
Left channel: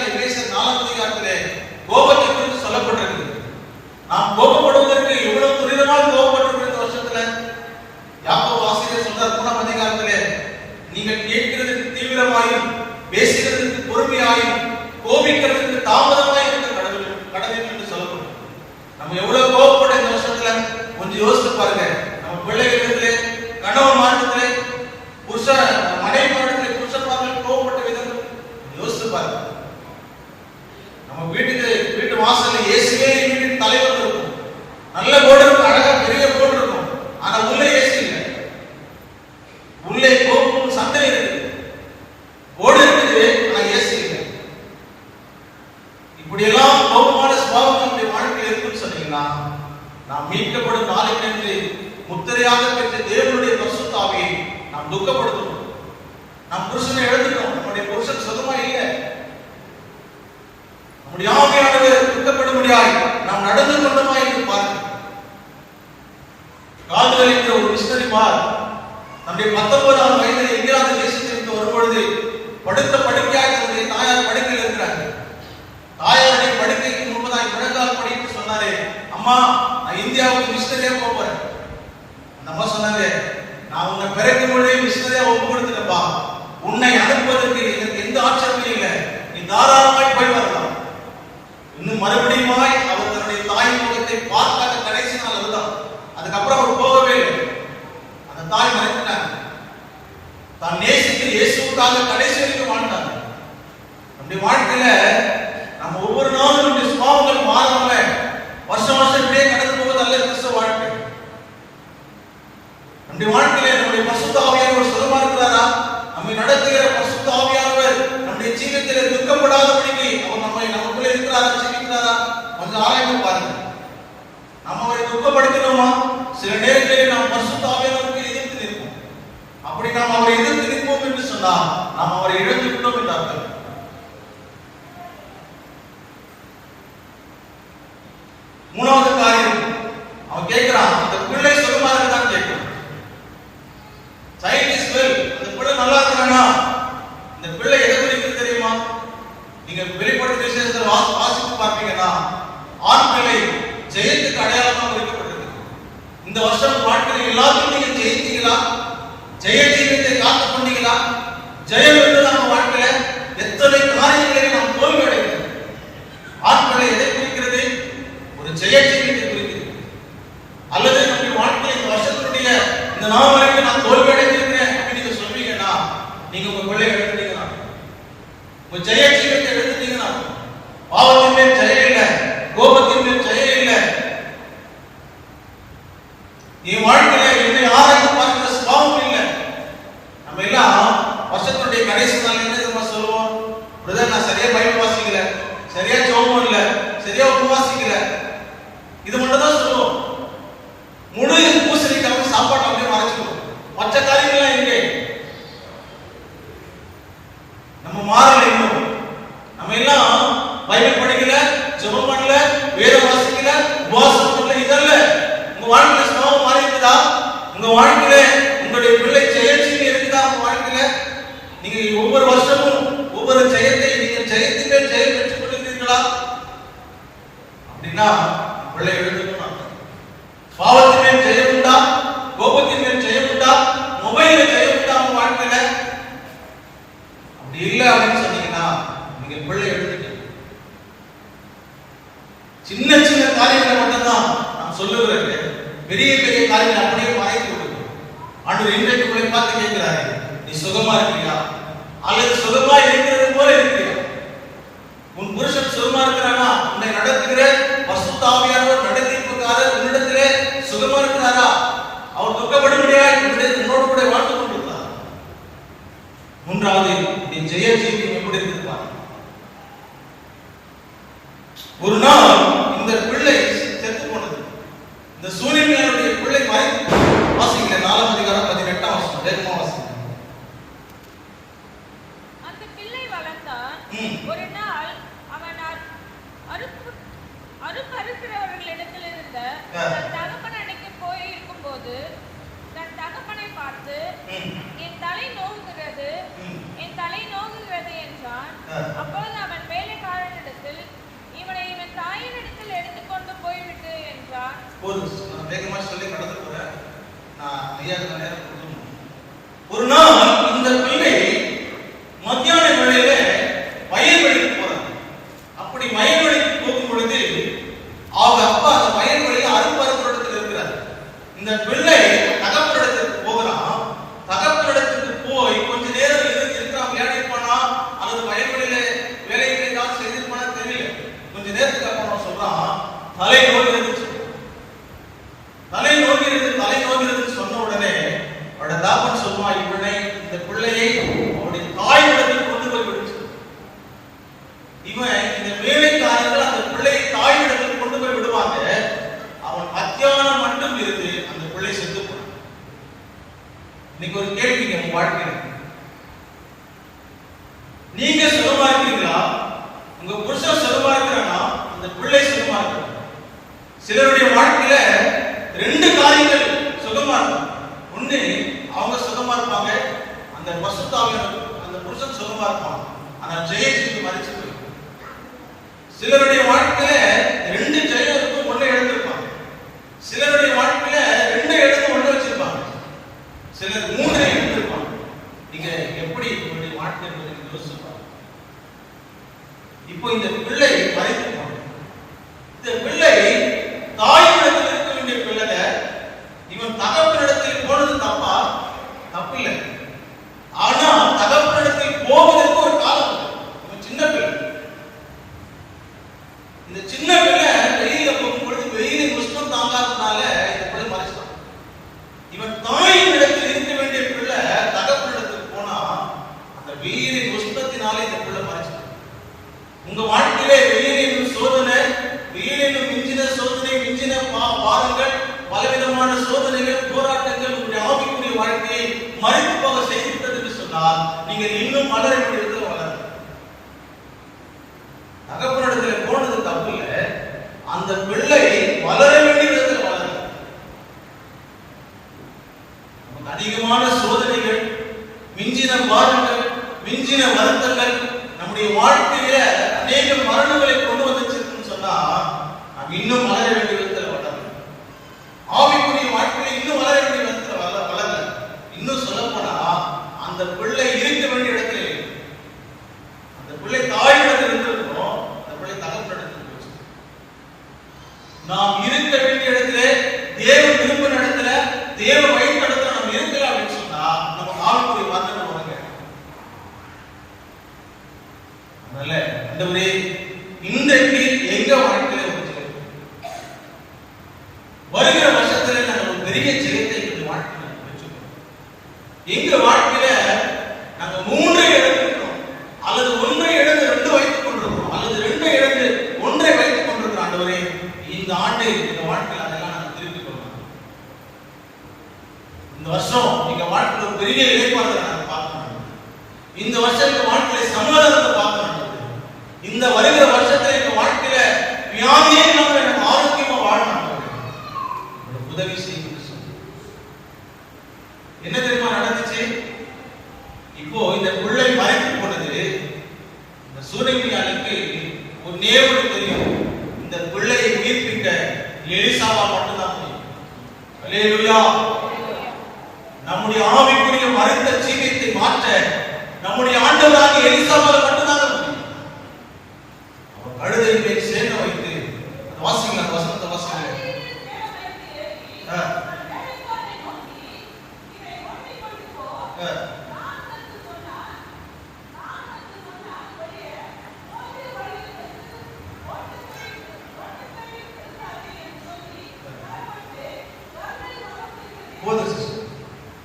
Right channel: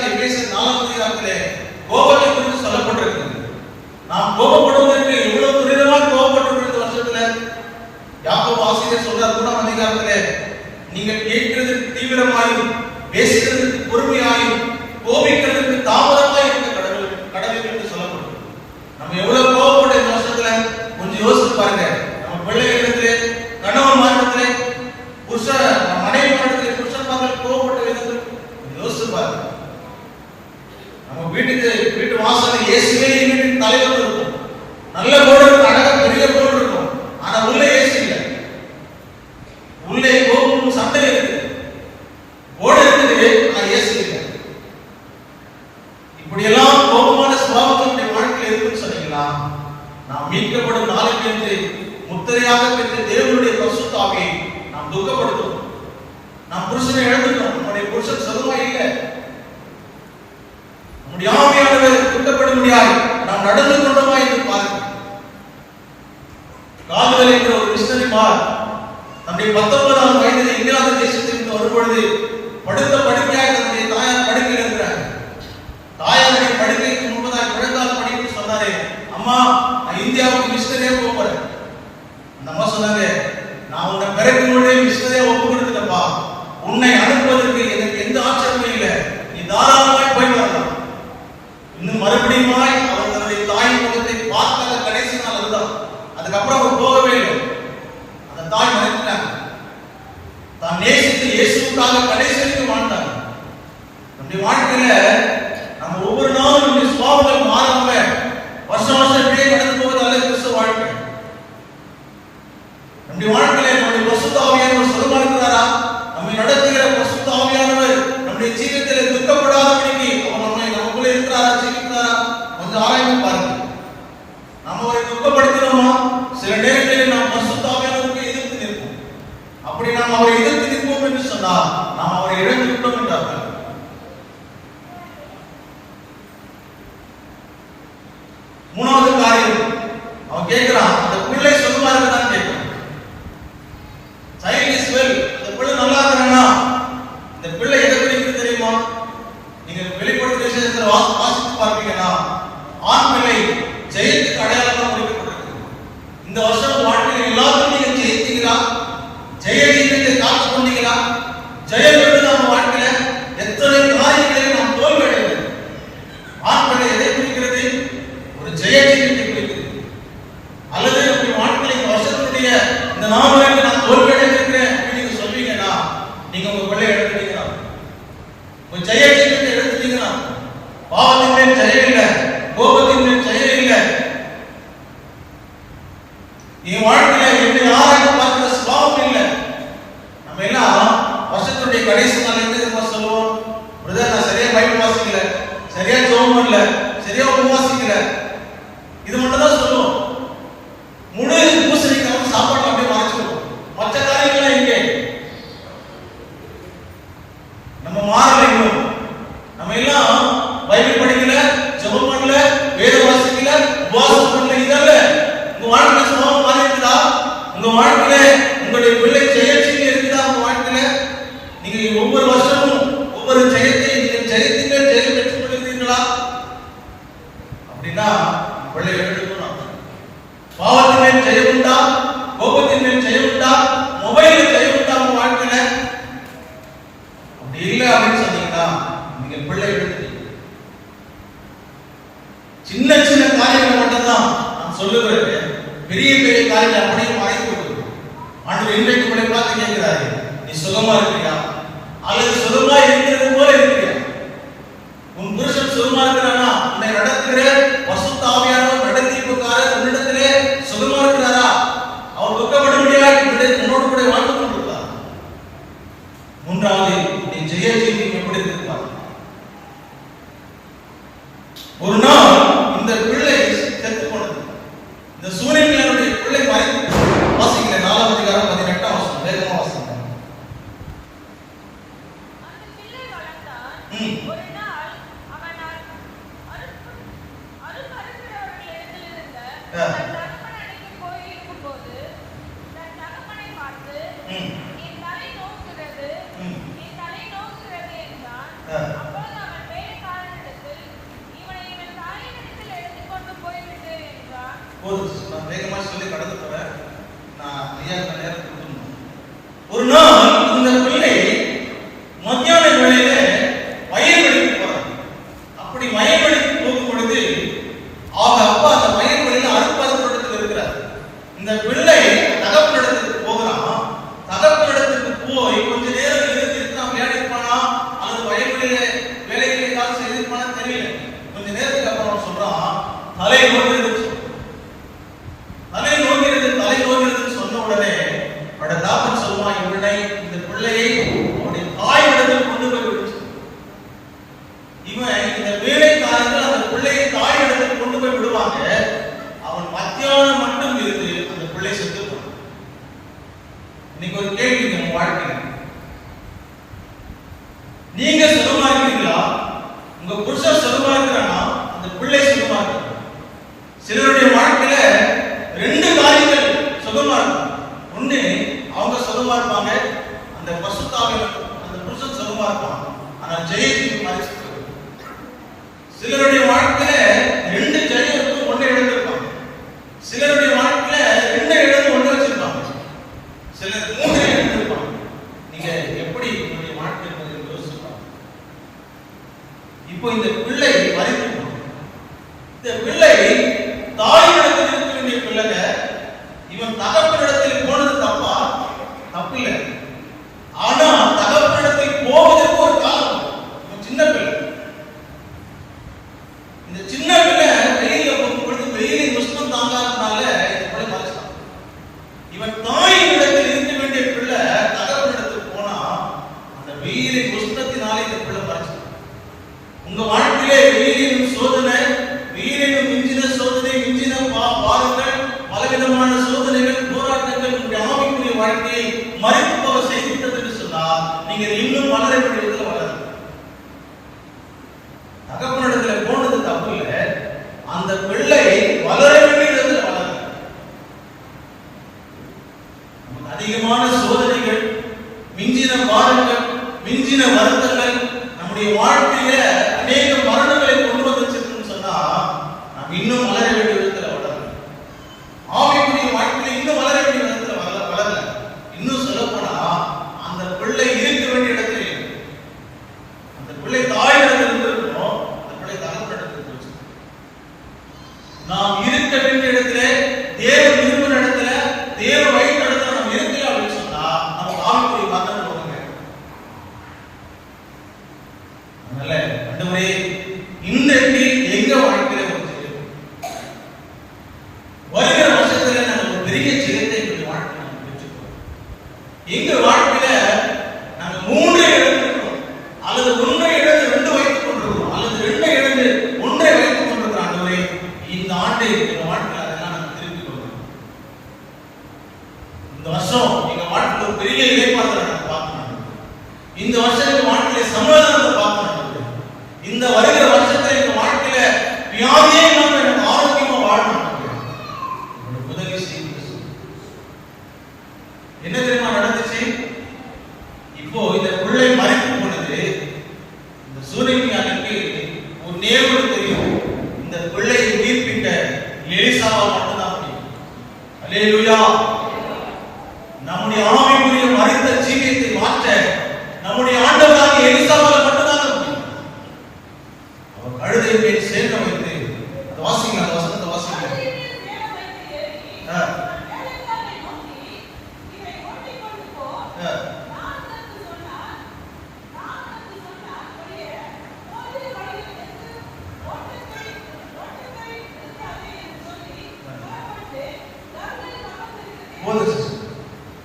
கடைசியாக எபேசியர் 4ஆம் அதிகாரத்திலே கோபத்தை குறித்து சொல்லப்பட்டிருக்கிறது. நாம் கோபப்படுவதற்கு எவ்வளவு துரிதமாக கோபப்பட்டிருக்கிற இந்த வருஷத்துல யாக்கோபு ஆசிரியர் சொல்றார் 3ஆம் அதிகாரத்திலே, நீங்கள் கேட்கிறதுக்கு தீவிரமாயும் பேசுகிறதுக்கு பொறுமையாயும் கோபிக்கிறதுக்கு தாமதமாய் இருக்க கடவுள் என்று சொல்லப்படும். நம்ம எவ்வளவு கோபப்பட இந்த வருஷத்துல கொஞ்சம் யோசித்து பாருங்க. நம்ம பிள்ளைகளிடத்திலே, கணவன் மார்க்கத்திலே, மனைவி மார்க்கத்திலே, புருஷன்மார்கள் கோபப்பட்ட விதங்கள் யோசித்து பாருங்க. நம்ம வீட்டு வாசல் இயேசுவே வீட்டின் தலைவர் இருக்கும். நல்ல போர்டு இருக்கும், அழகா பெரிய போர்டு இருக்கும். ஆனா உள்ள ஏசி இல்லை, உள்ளே கோபமும் சண்டை இருக்குது. போர்டு இருக்குது, ஆனா ஏசி இல்லை. இப்படியெல்லாம் கோபமான சுபாவங்களுடைய வாழ்க்கையில் இருக்குன்னு சொன்னீங்களா, நாம் மீட்கப்படும் நாளைக்கு என்று முத்திரையாக பெற்ற தேவனுடைய பரிசுத்த ஆவியை நாம் துக்கப்படுத்துவோம். நாம் புருஷனை இழந்துட்டோம், நம்முடைய புருஷன் சுகமா இல்லை, நம்முடைய ஆவியானவர் துக்கப்படும்படியாய் நாம் நடந்து கொண்டோமா என்று பாருங்கள். கால்கள் என்ற ஒரு மிஷனரிமார் தன்னுடைய 19ஆம் வயதில் இங்கிலாந்து தேசத்திற்கு வரும்பொழுது படுத்த படுக்கையாக தன்னுடைய தாயார் படுக்கையில் இருக்கிறாங்க. தாயாருடைய படுக்கைக்கு முன்பதாக முழங்கால் படின்னு சொன்னாரே, அம்மா நான் இந்தியாவுக்கு மிஷனரியா போறேன். அந்த அம்மா சொன்னாங்க, நான் உன்னை பிறக்கும் பொழுதே மிஷனரியா ஒப்பு கொடுத்துட்டப்பா, உன்னை அனுப்புவதற்கு எனக்கு எந்த ஆட்சேபமும் இல்லை, நீ தாராளமாய் போய் வரலாம். இன்னும் மறுபடியுமாய் அவர் தன்னுடைய தாய் முகத்தை பார்க்காத கடைசி நாள் அதுதான். அதுக்கப்புறம் அவர் போகவே இல்லை. அந்த தாய் மறைத்தாங்க. தான் நேசித்து இயேசுவுக்காக கடைசி வரைக்கும் வாழ்ந்தாங்க. நம்முடைய வாழ்க்கையில நம்ம ஒவ்வொரு நாளும் இந்த சுபாவங்கள் மாறாம வருஷம் வருஷம் இப்படியே நடந்து போவது அல்ல கிறிஸ்துவ வாழ்க்கை. நம்முடைய வாழ்க்கையில நம்முடைய பரிசுத்த ஆவியானவர் சுகமா இருக்கிறாரா? நம்மை நடத்துகிற பரிசுத்த ஆவியானவர் நம்முடைய ஜீவிதத்திலே துக்கப்படாதபடிக்கு அவர் நமக்குள்ள இருக்கிறாரா, ஜீவிக்கிறாரா? கொஞ்சம் ஆராய்ந்து பாருங்க. நம்ம அவரை துக்கப்படுத்தினோமா? சில நேரங்களில் நாம் பரிசுத்த ஆவியானவருக்கு எதிர்த்து நிற்போம். அப்படி நாம் அவரை எதிர்த்து நிற்போம் என்று சொன்னால் நாம் அவரை இழந்து விட்டோம் என்றார்கள். மூணாவது காரியம், அவன் கேட்கிறான், அந்த பிள்ளை சுகமா இருக்குதான் கேட்கிறான். சைல்ட் இஸ் வெல், அந்த பிள்ளை நல்லா இருக்கானா? இந்த பிள்ளை எதை குறிக்கிறது தெரியுமா? நீங்க வெளிப்படுத்தின விசேஷத்தில் வாசித்து பார்ப்பீங்கன்னா, ஆண் பிள்ளை ஜெயத்துக்கு அடையாளமாக குறிக்கப்பட்டிருக்கு. இந்த வருஷம் வாழ்க்கையில் எல்லாத்தையும் நீங்க ஜெயித்தீங்களா? ஜெய ஜீவியத்தை காத்துக் கொண்டீங்களா? ஜெயம் என்று நம்ம வாழ்க்கையில எத்தனை காரியங்களில் நாம் தோல்வி அடைகிறோம். ஆண் பிள்ளை எதை குறிக்கிறது? ஒரு ஜெய ஜீவியத்தை குறிக்கிறது. அல்லது நம்முடைய வாழ்க்கையில் இந்த வருஷத்துடைய இந்த நாள் வரைக்கும் நான் தோல்வி அடைந்திருக்கிறேன் அப்படின்னு நீங்க சொல்வீங்கன்னா, நீங்க உங்க பிள்ளை எடுத்துட்டீங்களா? உங்க ஜெய ஜீவியத்தை எடுத்துட்டீங்கன்னா, பாவத்தின் மேல் ஜெயம் இல்லை, கோபத்தின் மேல் ஜெயம் இல்லை. நீ வாழ்க்கையில என்னை ஆராய்ந்து பார்க்கிற சுபாவம் இல்லை. நம்ம எல்லாம் வருஷத்துடைய கடைசி நாள் என்ன சொல்லுவோம்? பிரதர், நான் சரியா பைபிள் வாசிக்கல, சரியா ஜெபம் பண்ணல, சரியா உபவாசிக்கல, இது மட்டும் தான் சொல்லுவோம். முழு பூசணிக்காக சாப்பாடு அப்படியே மறைச்சிருக்கோம். மற்ற காரியங்கள்லாம் எங்கே? நம்ம மாறல. இன்னும் நம்ம எல்லாம் பைபிள் படிக்கல, ஜெபம் பண்ணல, வேத வாசிக்கல, உபவாசம் பண்ணல. இதல்ல உங்க வாழ்க்கையில சுபாவம் மாறி இருக்குதா? உங்க வாழ்க்கையில உங்களுடைய பிள்ளை ஜெயச்சிங்க இருக்குதா? உங்க வாழ்க்கையில நீங்க ஒவ்வொரு வருஷமும் ஒவ்வொரு ஜெயத்தை நீங்க ஜெயத்தின் மேல் ஜெயம் பெற்றுக் கொள்கிறீர்களா? அப்படின்னா பிள்ளை எழுதணும். பாவத்தின் மேல் ஜெயம் உண்டா? கோபத்தின் மேல் ஜெயம் உண்டா? மொபைல்ல ஜெயம் உண்டா? உங்க வாழ்க்கையில அப்படி இல்லை அப்படின்னு சொன்னீங்கன்னா நீங்க பிள்ளை எழுதுங்க. சின்ன சின்ன காரியங்களை மட்டும்தான் நான் சொல்லுகிறேன். பெரிய பெரிய காரியங்களை அப்படியே மறைத்து விடுகிறேன். ஆண்டவர் இன்றைக்கு உங்களை பார்த்து கேட்கிறாரு, நீ சுகமா இருக்கிறியா? அல்லது சுகமா இருக்கிறது போல இருக்கிறியா? உன் புருஷன் சுகமா இருக்கிறானா? உன்னை நடத்துகிற பரிசுத்த ஆவியானவர் நடத்திப்புக்காரர் உன்னிடத்திலே சுகமா இருக்கிறாரா? அவர் துக்கப்படும்படியாக உன்னோடு கூட வாழ்ந்து கொண்டிருக்கிறார். மூன்றாவது, நீ ஜெய ஜீவியம் எப்படி இருக்கிறார்? ஒரு நாள் இந்த பிள்ளை செத்து போனது. இந்த சூரியனுடைய பிள்ளை மறைத்து வாசிக்கிற 4ஆம் அதிகாரம் 18ஆம் வசனம் வேகமா வாசிங்க. அந்த பிள்ளை வளர்ந்தான். ஒரு நாள் அவன் அறுக்கிறவர்களிடத்தில் இருந்த தன் தகப்பனுக்கு போய் இருக்கும்போது தன் தகப்பனை பார்த்து, என் தலை நோகுகிறது என்றான். அப்போது அவன் வேலை போதும், நான் வேகமா சொல்லி கடந்து போறேன். நான் ஐயா நேரம் கொடுக்கணும். ஒரு நாள் இந்த பிள்ளை மத்தியான வேளையில வயல்வெளிக்கு போறாங்க. அப்படி வயல்வெளிக்கு போகும் பொழுது அவங்க அப்பா அந்த வயல்வெளியில அறுப்பறுப்பிடத்தில் இருக்கிறார். இந்த பிள்ளை தகப்பனிடத்துக்கு போகிறான். தகப்பனிடத்துக்கு போய் கொஞ்ச நேரம் இருக்கான், விளையாடிருப்பானா அல்லது வயல்வெளியில வேலைகளை ஏதாவது செய்திருப்பானு தெரியல. கொஞ்ச நேரத்துக்கு அப்புறம் சொல்றான், தலை நோகிறது சொன்ன உடனே அவட தாப்பன் சொல்லுவான், இவனை இந்த பிள்ளையை அவருடைய தாயிடத்தில் கொண்டு போய் விடுச்சு. இவன் இந்த வேலைக்காரர்கள் அந்த பிள்ளையை தாயிடத்தில் கொண்டு போய் விடுவாங்க. அவன் மத்தியானம் மட்டும் இருந்து அந்த பிள்ளை செத்து போனான். இன்னைக்கு ஒரு கேள்வி நம்ம வாழ்க்கையில், நீங்க சுகமா இருக்கீங்களா? உங்க புருஷன் சுகமா இருக்கிறானா? அந்த பிள்ளை சுகமா இருக்கு. சிலருடைய வாழ்க்கையில ரெண்டு காரியங்கள் சுகமா இருக்கும். ஒண்ணு, அவங்க சுகமா இருப்பாங்க, அந்த பசுத்தாவின் அந்த புருஷன் சுகமா இருப்பான், ஆனா ஜெயஜீவி மறைச்சு. சிலருடைய வாழ்க்கையில ரெண்டு ஜெயம் இருக்கும், ஒண்ணு இழந்திருப்பாங்க. சிலருடைய வாழ்க்கையில ரெண்டு இழந்து ஒண்ணு வச்சிருப்பாங்க. சிலர் மூன்று இழந்திருப்பாங்க. நீங்க எப்படி உங்களுடைய வாழ்க்கை யோசிப்பாங்க. இப்போ இந்த பிள்ளை மறைத்து இந்த பிள்ளை தாயிடத்தில் இருக்க வேண்டிய பிள்ளை, இவன் தகப்பனிடத்தில் போனது தப்பா? தப்பில்லை. ஆனா தகப்பனிடத்தில் போவதற்கு ஒரு காலம். இவன் சின்ன பிள்ளை. இந்த சின்ன பிள்ளை வெயில போகும்பொழுது வெயிலின் உஷ்ணம் தாங்காதனால இந்த பிள்ளை மறைச்சான். இவன் தாயின் இடத்தில் இருக்க வேண்டிய பிள்ளை தகப்பனிடத்தில் போனா அந்த வெயிலின் உஷ்ணத்தினாலே இந்த பிள்ளை மறைச்சான். உங்க வாழ்க்கையிலே வெயிலின் சோதனை, வெயிலின் மிஞ்சின சோதனை, மிஞ்சின பாருங்கள், பலவிதமான சோதனைகள், போராட்டங்கள் உங்களுடைய ஆவிக்குரிய வாழ்க்கையை மறைத்து போக செய்துவிட்டது என்று சொன்னால் நீங்கள் இன்னும் வளர வேண்டியதில் வளரும். தகப்பனிடத்தில் போனது தப்பு இல்லை, அந்த பிள்ளை வளர வேண்டிய விதத்தில் வளரும். நமக்கு அதிகமான சோதனைகள், மிஞ்சின பாரங்கள், மிஞ்சின வருத்தங்கள் நம்முடைய வாழ்க்கையில அநேக மரணங்களை கொண்டு வந்துச்சுன்னு சொன்னா நாம் இன்னும் வளர வேண்டிய விதத்தில் வளரும். ஆவிக்குரிய வாழ்க்கையில இன்னும் வளர வேண்டிய விதத்தில் வளரல. இன்னும் சொல்ல போனா அந்த பிள்ளை இருக்க வேண்டிய இடத்துல இருக்கு. அந்த பிள்ளை தாய் இடத்துல இருந்திருக்கோம், அந்த பிள்ளை தகப்பனிடத்தில் போச்சு. நாம் இருக்க வேண்டிய இடத்துல, தேவன் விரும்பின இடத்துல, தேவ வழித்த இடத்துல நாம் இருக்கல அப்படின்னு சொன்னா நமக்கு ஆவிக்குரிய வார்த்தை வருங்க. அதனால ஆண்டவரே, இன்றைக்கு எங்க வாழ்க்கையில வருகிற வருஷத்துல நாங்கள் ஒரு பெரிய ஜெயத்தை எங்க வாழ்க்கையில் பெற்றுக்கிறோம். எங்க வாழ்க்கையில நாங்க 3 இழந்திருக்கிறோம், அல்லது 1 இழந்து 2 வைத்துக் கொண்டிருக்கிறோம், அல்லது 2 இழந்து 1 வைத்துக் கொண்டிருக்கிறோம். ஆண்டவரே, இந்த ஆண்டு எங்க வாழ்க்கையில அதெல்லாம் நாங்கள் திருப்பிக் கொள்ளலாம். இந்த வருஷம் எங்க வாழ்க்கையில ஒரு பெரிய ஏற்பாடுகளை நாங்கள் பார்க்கணும். இந்த வருஷம் எங்க வாழ்க்கையில சமாதானத்தை பார்க்கணும். இந்த வருகிற வருஷத்துல எங்க வாழ்க்கையில வியாதியே இல்லாம எனக்கு ஆரோக்கியமா வாழணும். உதவி செய்யும். என்ன தெரியுமா நடந்துச்சு? இப்போ இந்த பிள்ளை மறைத்து போனது, இந்த சூரியனுக்கு ஒரு நேர்வு தெரியும். இந்த பிள்ளையை உயிர்ப்பிக்க எலிசாவால் மட்டும்தான் முடியும். அல்லேலூயா. நம்முடைய ஆவிக்குரிய மறைத்த ஜீவியத்தை மாற்ற நம்முடைய ஆண்டவராக எலிசாவால் மட்டும்தான் முடியும். அவர் கழுதை மேல் சேர்க்க வைத்து வாசிங்க, அந்த வசனத்தை வாசிங்க.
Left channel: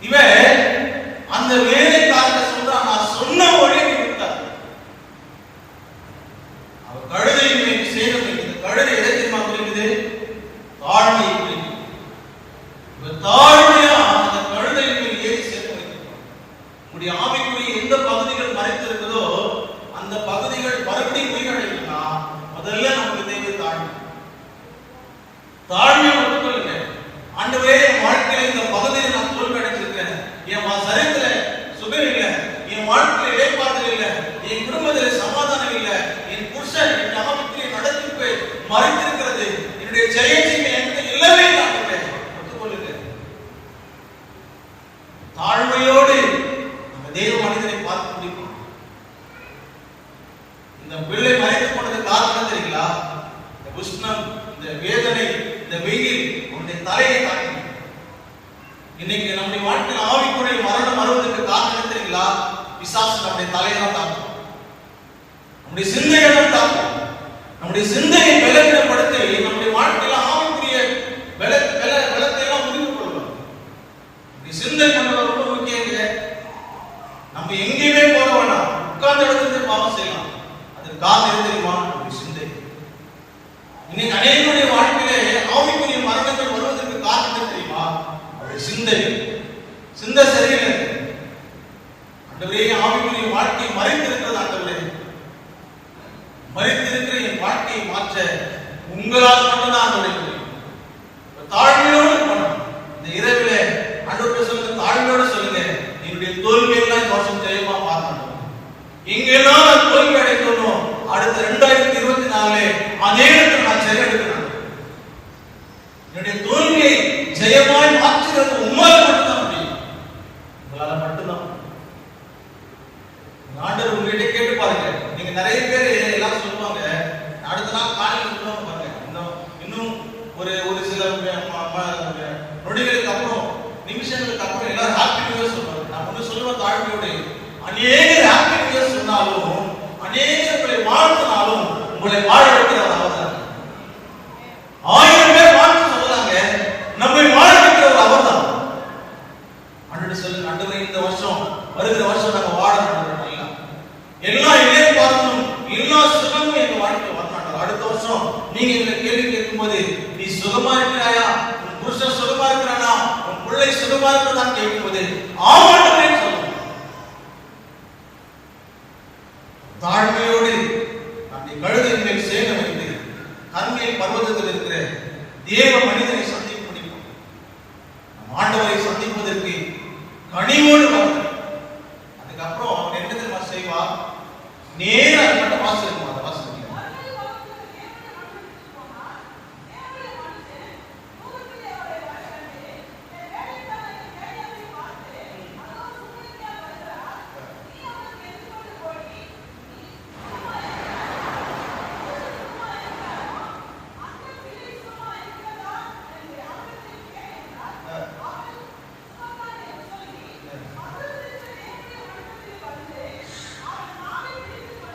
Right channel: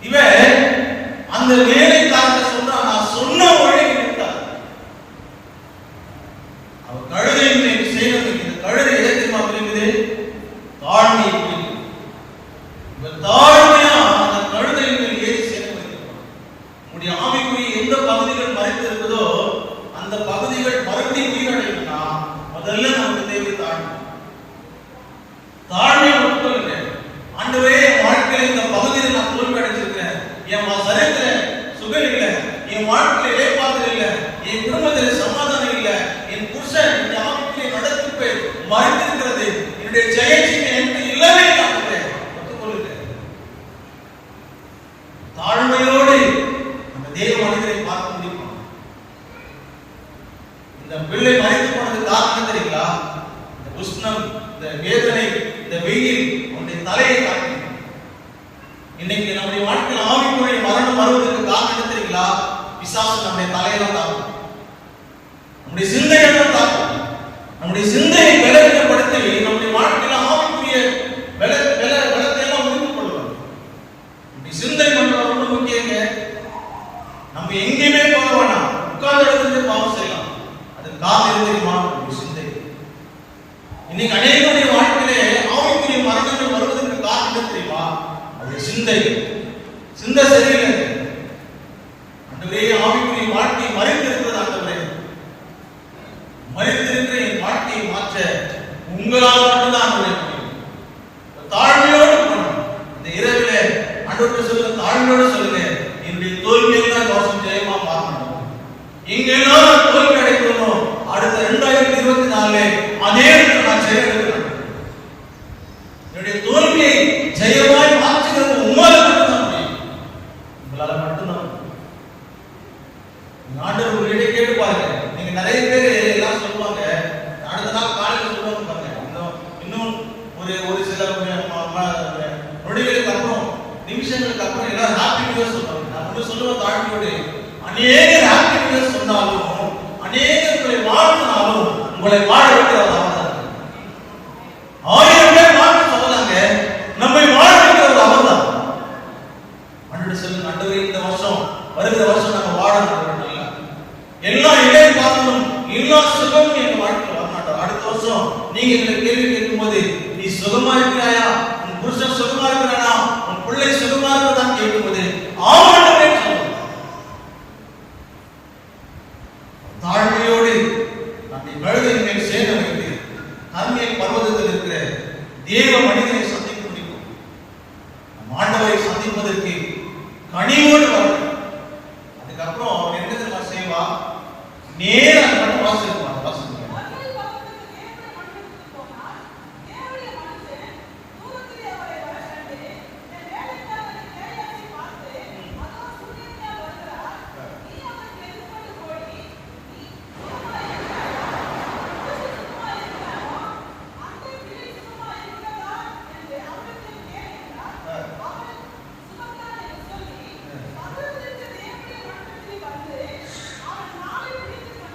இவன் அந்த வேலைக்காரனை சொல்றான், நான் சொன்ன வழியை விட்டார். அவர் கழுதையின் மேல் சேர வைக்கிறது. கழுதை எதை தெரியுமா குறிக்குது? தாழ்மையை குறிக்குது. இவன் தாழ்மையா அந்த கழுதையின் மேல் ஏறி சேர வைக்கிறான். உங்களுடைய ஆவிக்குரிய எந்த பகுதிகள் மறைத்து இருக்குதோ அந்த பகுதிகள் மறுபடியும் உயிரடையும்னா முதல்ல நமக்கு தேவை தாழ்மை. தாழ்மை மட்டும் இல்லை, ஆண்டவரே வாழ்க்கையில் இந்த பகுதியில் நான் தோல்வி அடைஞ்சிருக்கிறேன், என் சரீரத்துல சுகர் இல்லை, என் வாழ்க்கையில இடைப்பாதல் இல்லை, என் குடும்பத்துல சமாதானம் இல்லை, என் புருஷன் என் ஆவிக்குரிய நடத்திப்பு மறைந்திருக்கிறது, என்னுடைய ஜெயஜீவி எனக்கு இல்லவே இல்லை. உஷ்ணம், இந்த வேதனை, இந்த வெயில் உன்னுடைய தலையை தாக்கி. இன்னைக்கு நம்முடைய வாழ்க்கையில் ஆவிக்குரிய மரணம் வருவதற்கு காரணம் என்ன தெரியுங்களா? பிசாசு நம்முடைய தலையில தாக்கும், நம்முடைய சிந்தையை தாக்கும். நம்முடைய சிந்தையை பலவீனப்படுத்தி நம்முடைய வாழ்க்கையில ஆவிக்குரிய பலத்தை எல்லாம் முடிவு கொள்வார். நம்முடைய சிந்தை பண்ண ரொம்ப முக்கியங்க. நம்ம எங்கேயுமே போக வேணாம், உட்கார்ந்த இடத்துல பாவம் செய்யலாம். அது காரணம் தெரியுமா? நம்முடைய சிந்தை. இன்னைக்கு அநேகருடைய வாழ்க்கையிலே ஆவிக்குரிய மரணங்கள் வருவதற்கு காரணம் தெரியுமா? அவருடைய சிந்தை. சிந்தை சரியில்லை. ஆண்டவரே, ஆவிக்குரிய வாழ்க்கை மறைந்திருக்கிறது. ஆண்டவரே, மறைந்திருக்கிற என் வாழ்க்கையை மாற்ற உங்களால் மட்டும்தான் ஆண்டவரே முடியும். தாழ்மையோடு போகணும். இந்த இரவில ஆண்டவரே சொல்லுங்க, தாழ்மையோடு சொல்லுங்க, என்னுடைய தோல்வியெல்லாம் தோஷம் ஜெயமா மாறணும். இங்கெல்லாம் தோல்வி அடைக்கணும். அடுத்த 2024 அநேகருக்கு நான் ஜெயம் எடுக்கிறேன். என்னுடைய தோல்வியை ஜெயமாய் மாற்றுகிறது உங்களால் மட்டும்தான் முடியும். உங்களால் மட்டும்தான். ஆண்டவர் உங்ககிட்ட கேட்டு பாருங்க. நீங்க நிறைய பேர் எல்லாம் சொல்லுவாங்க, அடுத்த நாள் காலையில் சொல்லுவாங்க பாருங்க. இன்னும் ஒரு சில நொடிகளுக்கு அப்புறம், நிமிஷங்களுக்கு அப்புறம் எல்லாரும் ஹாப்பி நியூ இயர் சொல்றாங்க. நான் ஒன்று சொல்லுவேன் தாழ்மையோடு, அநேக ஹாப்பி நியூ இயர் சொன்னாலும், அநேக உங்களை வாழ்த்தினாலும் உங்களை வாழ வைக்கிறது அவர்தான். 1000 பேர் வாழ்த்து சொல்லலாங்க, நம்மை வாழ வைக்கிறது அவர்தான். ஆண்டவரே சொல்லுங்க, ஆண்டவரே இந்த வருஷம், வருகிற வருஷம் நாங்க வாழணும். எல்லா இடம் பார்க்கணும், எல்லா சுகமும் எங்க வாழ்க்கையில் வரமாட்டோம். அடுத்த வருஷம் நீங்க இந்த கேள்வி கேட்கும்போது, நீ சுகமா இருக்கிறாயா, உன் புருஷன் சுகமா இருக்கிறானா, உன் பிள்ளை சுகமா இருக்கிறதா கேட்கும்போது ஆமாண்டவே சொல்லணும். தாழ்மையோடு அந்த கழுதை சேர வைத்து தன்மையில் பர்வதத்தில் இருக்கிற தேவ மனிதனை சந்திக்க முடியும். ஆண்டவரை சந்திப்பதற்கு கனிவோடு வரணும். அதுக்கப்புறம் அவன் என்ன செய்வா? நேரா வாசலுக்கு வாசல்.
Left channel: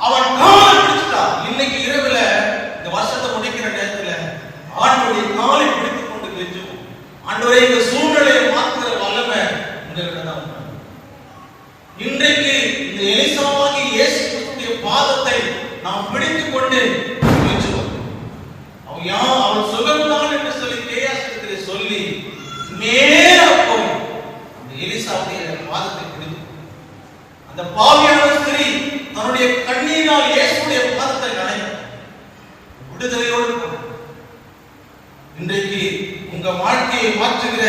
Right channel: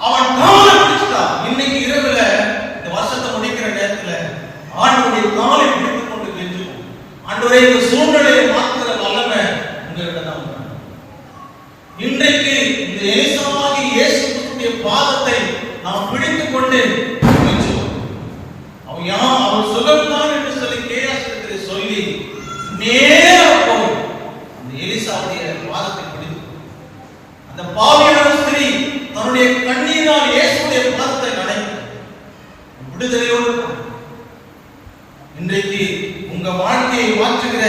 அவன் காலை பிடிச்சான். இன்னைக்கு இரவுல இந்த வருஷத்தை முடிக்கிற நேரத்துல ஆண்டவருடைய காலை பிடித்துக் கொண்டு கெஞ்சுவோம். ஆண்டவரே, இந்த சூழ்நிலையை மாற்றுகிற வல்லமை உங்களிடம் தான். இன்றைக்கு இந்த எலிசாவாகிய இயேசு கிறிஸ்துவின் பாதத்தை நாம் பிடித்துக் கொண்டு கெஞ்சுவோம். அவன் சுகம்தான் என்று சொல்லி கேயாசத்திலே சொல்லி நேரா போய் அந்த எலிசாவுடைய பாதத்தை பிடித்து, அந்த பாவியான ஸ்திரீ தன்னுடைய கண்ணீரால் இயேசுடைய பாதத்தை நனைத்து விடுதலையோடு. இன்றைக்கு உங்க வாழ்க்கையை மாற்றுகிற,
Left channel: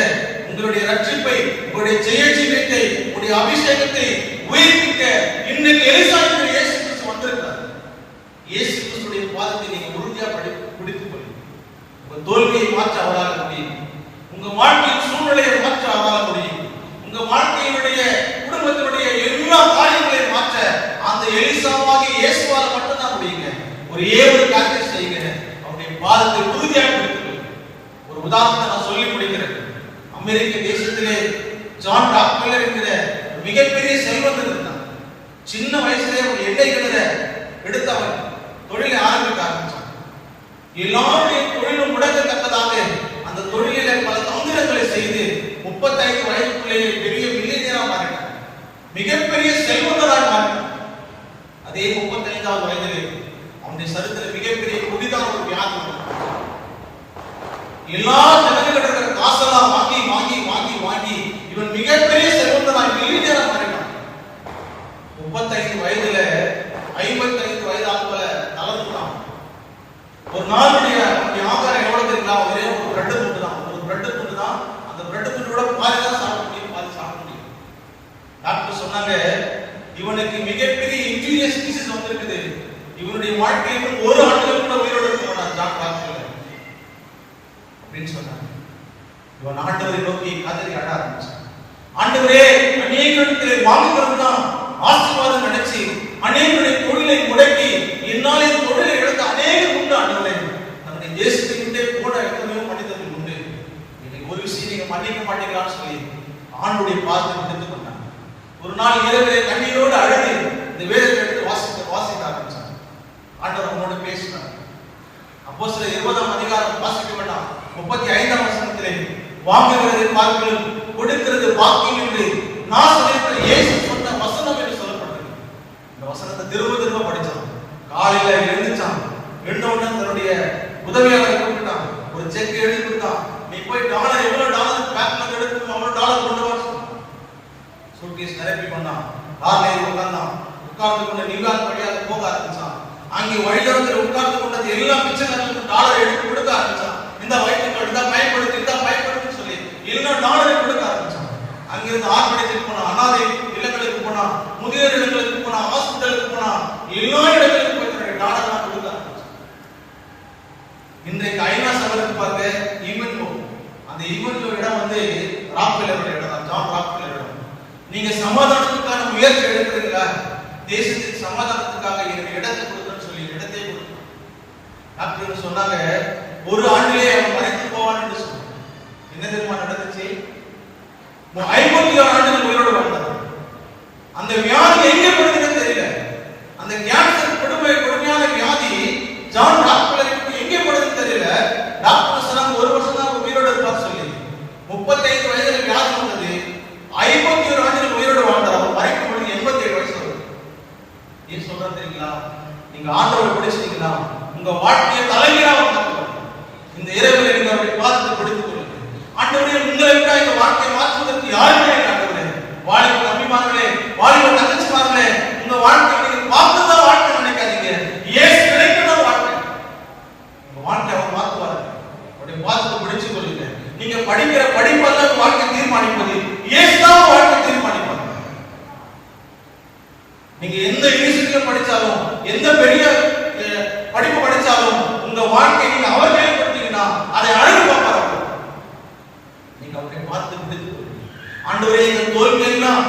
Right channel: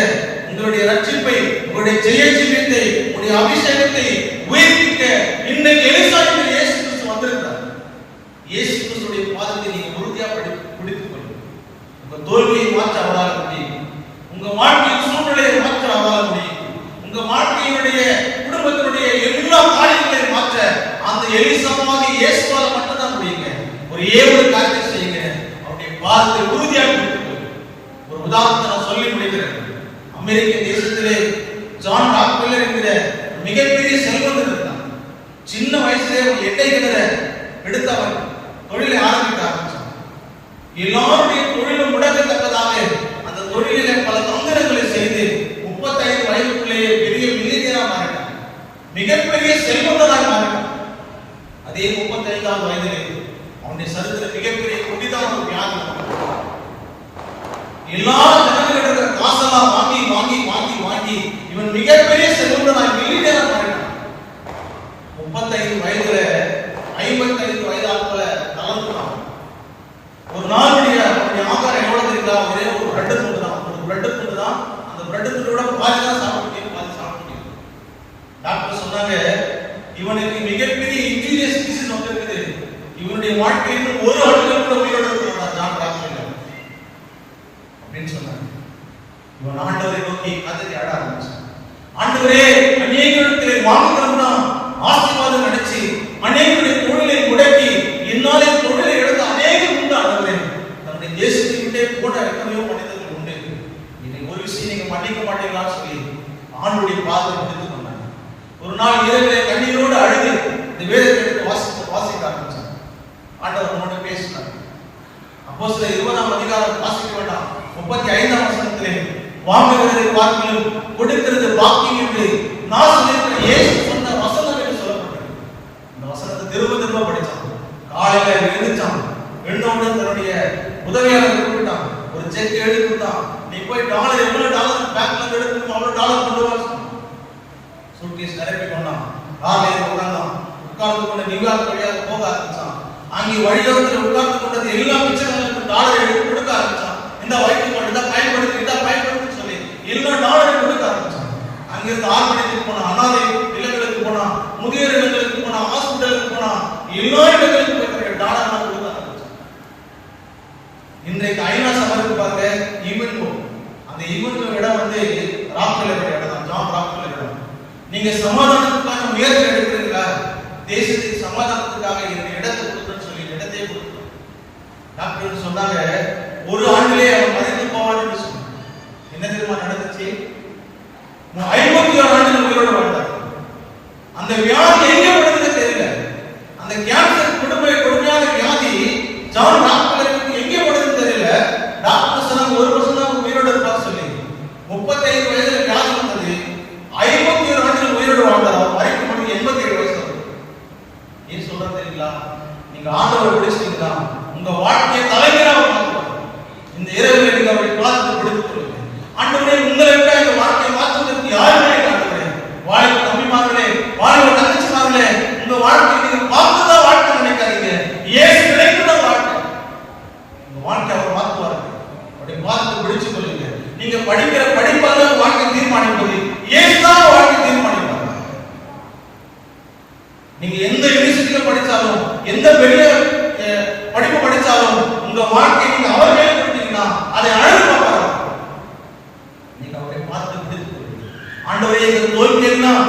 உங்களுடைய ரட்சிப்பை, உங்களுடைய ஜெயஜீவியத்தை, உங்களுடைய அபிஷேகத்தை உயிர்ப்பிக்க இன்னைக்கு எலிசாவுடைய இயேசு கிறிஸ்து வந்திருக்கிறார். இயேசு கிறிஸ்துடைய பாதத்தை நீங்க உறுதியாக பிடித்துக் கொள்ளுங்க. உங்க தோல்வியை மாற்ற அவரால் முடியும். உங்க வாழ்க்கையின் சூழ்நிலையை மாற்ற அவரால் முடியும். உங்க வாழ்க்கையினுடைய குடும்பத்தினுடைய எல்லா காரியங்களையும் மாற்ற அந்த எலிசாவாகிய இயேசுவால் மட்டும்தான் முடியுங்க. ஒரே ஒரு காரியத்தை செய்யுங்க, அவருடைய பாதத்தை உறுதியாக பிடித்துக். ஒரு உதாரணத்தை நான் சொல்லி முடிக்கிறேன். அமெரிக்க தேசத்திலே ஜான் ராக்ஃபெல்லர் என்கிற மிகப்பெரிய செல்வந்தர் இருந்தார். சின்ன வயசுலேயே ஒரு எண்ணெய் கிணற எடுத்து அவர் தொழிலை ஆரம்பிக்க ஆரம்பித்தார். எல்லாருடைய தொழிலும் முடக்கத்தக்கதாக அந்த தொழிலிலே பல தந்திரங்களை செய்து 35 வயதுக்குள்ளேயே பெரிய மில்லியனராக மாறினார். மிகப்பெரிய செல்வந்தராக மாறினார். அதே 35ஆவது வயதிலே அவனுடைய சரித்திர மிகப்பெரிய கொடிதான ஒரு வியாதி. எல்லா ஜனங்கள் இருக்கிற காசெல்லாம் வாங்கி வாங்கி வாங்கி வாங்கி இவன் மிகப்பெரிய செல்வந்தராக மில்லியனராக மாறினான். 35 வயதுல 55 வயதாக போல தளர்ந்துட்டான். ஒரு நாளுடைய ஆகாரம் எவ்வளவு தெரியுங்களா? ஒரே ஒரு பிரெட் துண்டு தான். ஒரு பிரெட் துண்டு தான். அந்த பிரெட் துண்டோட பாதி தான் சாப்பிட முடியும், பாதி சாப்பிட முடியும். டாக்டர் சொன்னாங்க, இவனுக்கு மிகப்பெரிய இன்ஜூரியஸ் டிசீஸ் வந்திருக்குது. இவனுடைய வாழ்க்கையில் ஒரு ஆண்டுகள் கூட உயிரோடு இருக்க ஜான் ராக்ஃபெல்லர் அப்படின்னு சொன்னாங்க. இவன் ஆண்டவரை நோக்கி கதறி ஆட ஆரம்பிச்சான். ஆண்டவரே, அநேக இடத்திலே வாங்குகிறோம் தான் ஆசீர்வாதம் நினைச்சு அநேகருடைய தொழிலை முடக்கி என்னாலே தொழிலை இழந்து அநேகம் உண்டு. ஆண்டவரே, தன்னுடைய அப்போஸ்தலர் 20ஆம் அதிகாரம் வாசிக்க வேண்டாம். 35ஆம் வசனத்திலே வாங்குகிறதை பார்க்கிலும் கொடுக்கிறது பாக்கியம் என்று நான் சொல்லியிருக்கிற இயேசு சொன்ன வசனம் என்று சொல்லப்பட்டது. இந்த வசனத்தை திரும்ப திரும்ப படிச்சான். காலையில எழுந்திருச்சான். எழுந்தவுடனே தன்னுடைய உதவியாளரை கூப்பிட்டான். ஒரு செக் எழுதி கொடுத்தான். நீ போய் டாலர் எவ்வளவு டாலர் பேங்க்ல எடுத்து அவ்வளவு டாலர் கொண்டு வர சொன்னான். சூட்கேஸ் நிரப்பி கொண்டான். காலையில உட்கார்ந்தான். உட்கார்ந்து கொண்டு நியூயார்க் வழியாக போக ஆரம்பிச்சான். அங்கே வழிதடத்தில் உட்கார்ந்து கொண்டது எல்லா பிச்சைக்காரனுக்கும் டாலர் எடுத்து கொடுக்க ஆரம்பிச்சான். இந்த வயிற்று கடுதா பயன்படுத்தி இந்தா பயன்படுத்தி சொல்லி எல்லா டாலரையும் கொடுக்க ஆரம்பிச்சான். அங்கிருந்து ஆர்ப்பணித்துக்கு போனான். அனாதை இல்லங்களுக்கு போனான். முதியோர் இல்லங்களுக்கு போனான். ஹாஸ்பிட்டலுக்கு போனான். எல்லா இடங்களுக்கும் போய் டாலர் நான் கொடுக்க ஆரம்பிச்சான். இன்றைக்கு ஐநா சபைக்கு பாருங்க ஈவன்கோ. அந்த ஈவன்கோ இடம் வந்து ராக்ஃபெல்லர் இடம் தான். ஜான் ராக்ஃபெல்லர் இடம். நீங்க சமாதானத்துக்கான முயற்சி எடுக்கிறீங்களா? தேசத்துக்கு சமாதானத்துக்காக இந்த இடத்தை கொடுக்கணும்னு சொல்லி இடத்தை கொடுத்து டாக்டர் சொன்னாங்க ஒரு ஆண்டிலே அவன் மறித்து போவான்னு சொன்னாங்க. என்ன தெரியுமா நடந்துச்சு? 51 ஆண்டுகள் உயிரோடு வாழ்ந்தார். அந்த வியாதி எங்க விழுந்தது தெரியல. அந்த கேன்சர் கொடுமையான வியாதி ஜான் ராக்ஃபெல்லருக்கு எங்க விழுந்தது தெரியல. டாக்டர் சொன்னாங்க ஒரு வருஷம் தான் உயிரோடு இருப்பார் சொல்லி. 35 வயதுல வியாதி வந்தது. 51 ஆண்டுகள் உயிரோடு வாழ்ந்தார். அவர் மறிக்கும் பொழுது 87 வயசு. ஏன் சொல்றாரு தெரியுங்களா? நீங்க ஆண்டவரை பிடிச்சிட்டீங்களா உங்க வாழ்க்கையை தலைகீழாக மாற்றுவார். இந்த இரவில் நீங்க அவரை பார்த்து பிடித்துக் கொள்ளுங்க. ஆண்டவரே உங்களுக்காக இந்த வாழ்க்கையை மாற்றுவதற்கு யாருமே இல்லை. ஆண்டவரே வாலிப தம்பிமார்களே, வாலிப தங்கச்சிமார்களே, உங்க வாழ்க்கையை நீங்க பார்த்துதான் வாழ்க்கை நினைக்காதீங்க. இயேசு நினைக்கிற வாழ்க்கை உங்க வாழ்க்கை அவர் மாற்றுவார். அவரை பார்த்து பிடிச்சுக் கொள்ளுங்க. நீங்க படிக்கிற படிப்பால வாழ்க்கை தீர்மானிப்பது இயேசு தான் வாழ்க்கை தீர்மானிப்பார். நீங்க எந்த யூனிவர்சிட்டியில் படிச்சாலும் எந்த பெரிய படிப்பு படிச்சாலும் உங்க வாழ்க்கையை நீங்க அவர் மேல கொடுத்தீங்கன்னா அதை அழகு பார்ப்பார். நீங்க அவரை பார்த்து பிடித்துக் கொள்ளுங்க. ஆண்டவரே இந்த தோல்வியெல்லாம்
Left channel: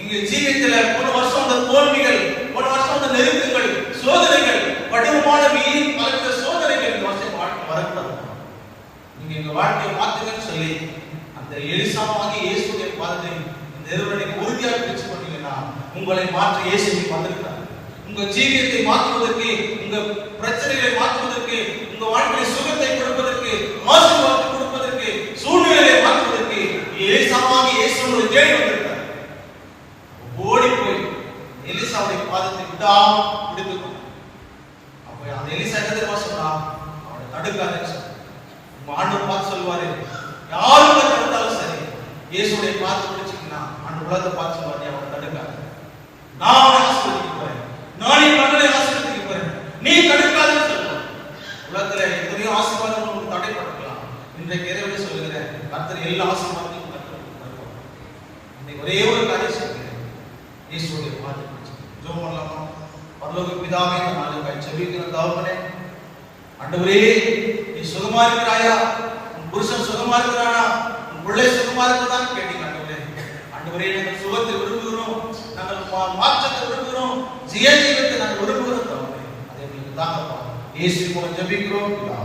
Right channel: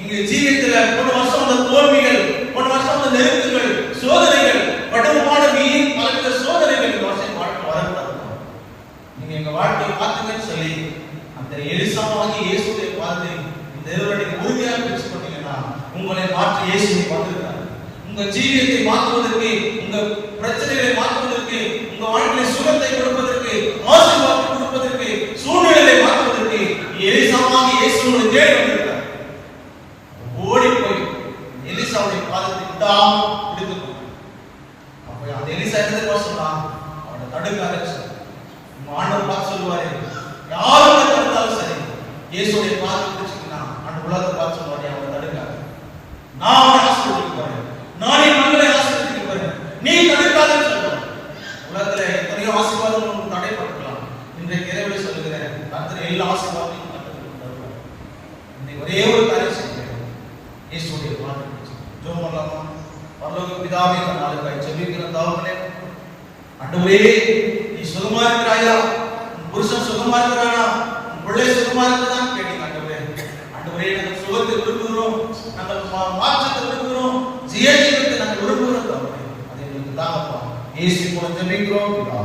இங்க ஜீவியத்துல போன வருஷம் அந்த தோல்விகள், போன வருஷம் அந்த நெருக்கங்கள், சோதனைகள், கடினமான வீண் பல சோதனைகள் இந்த வருஷம் வாழ்க்கை வரக்கூடாது. நீங்க எங்க வாழ்க்கையை பார்த்துங்கன்னு சொல்லி அந்த எலிசாவாகி இயேசுவை பார்த்து இந்த இரவனுக்கு உறுதியாக பிடிச்சு கொண்டீங்கன்னா உங்களை மாற்றி இயேசுவை வந்திருக்கிறார். உங்க ஜீவியத்தை மாற்றுவதற்கு, உங்க பிரச்சனைகளை மாற்றுவதற்கு, உங்க வாழ்க்கையை சுகத்தை கொடுப்பதற்கு, ஆசீர்வாதத்தை கொடுப்பதற்கு, சூழ்நிலையை மாற்றுவதற்கு எலிசாவாகி இயேசு உங்களை தேடி வந்திருக்கிறார். ஓடி போய் எலிசாவுடைய பாதத்தை விடாம பிடித்துக்கொண்டார். அப்ப அந்த எலிசா என்ன சொன்னா அவனை தடுக்காத. உங்க ஆண்டவர் பார்த்து சொல்லுவாரு, யாரும் தடுத்தாலும் சரி இயேசுடைய பாதத்தை பிடிச்சிட்டீங்கன்னா ஆண்டு உலகத்தை பார்த்து சொல்லுவாரு, அவனை தடுக்காத. நான் அவனை ஆசீர்வதிக்க போறேன். நான் என் மக்களை ஆசீர்வதிக்க போறேன். நீ தடுக்காதன்னு சொல்லுவார். உலகத்துல எத்தனையோ ஆசீர்வாதம் உங்களுக்கு தடைப்பட்டிருக்கலாம். இன்றைக்கு இரவில் சொல்லுகிறேன், கர்த்தர் எல்லா ஆசீர்வாதத்தையும் கர்த்தர் தருவார். இன்னைக்கு ஒரே ஒரு காரியம் சொல்லுகிறேன், இயேசுடைய பாதத்தை ஜெபம் பண்ணலாமா? பரலோக பிதாவே, இந்த நாளுக்காய் ஜெபிக்கிற தகப்பனே, ஆண்டவரே நீ சுகமா இருக்கிறாயா? உன் புருஷன் சுகமா இருக்கிறானா? உன் பிள்ளை சுகமா இருக்குதான்னு கேட்டீங்க. ஆண்டவரே நாங்கள் சுகத்தை விரும்புகிறோம், நாங்கள் மாற்றத்தை விரும்புகிறோம், ஜீவத்தை நாங்கள் விரும்புகிறோம். அதை நீங்கள் தாங்கப்பா. இயேசு மூலம் ஜெபிக்கிறோம்.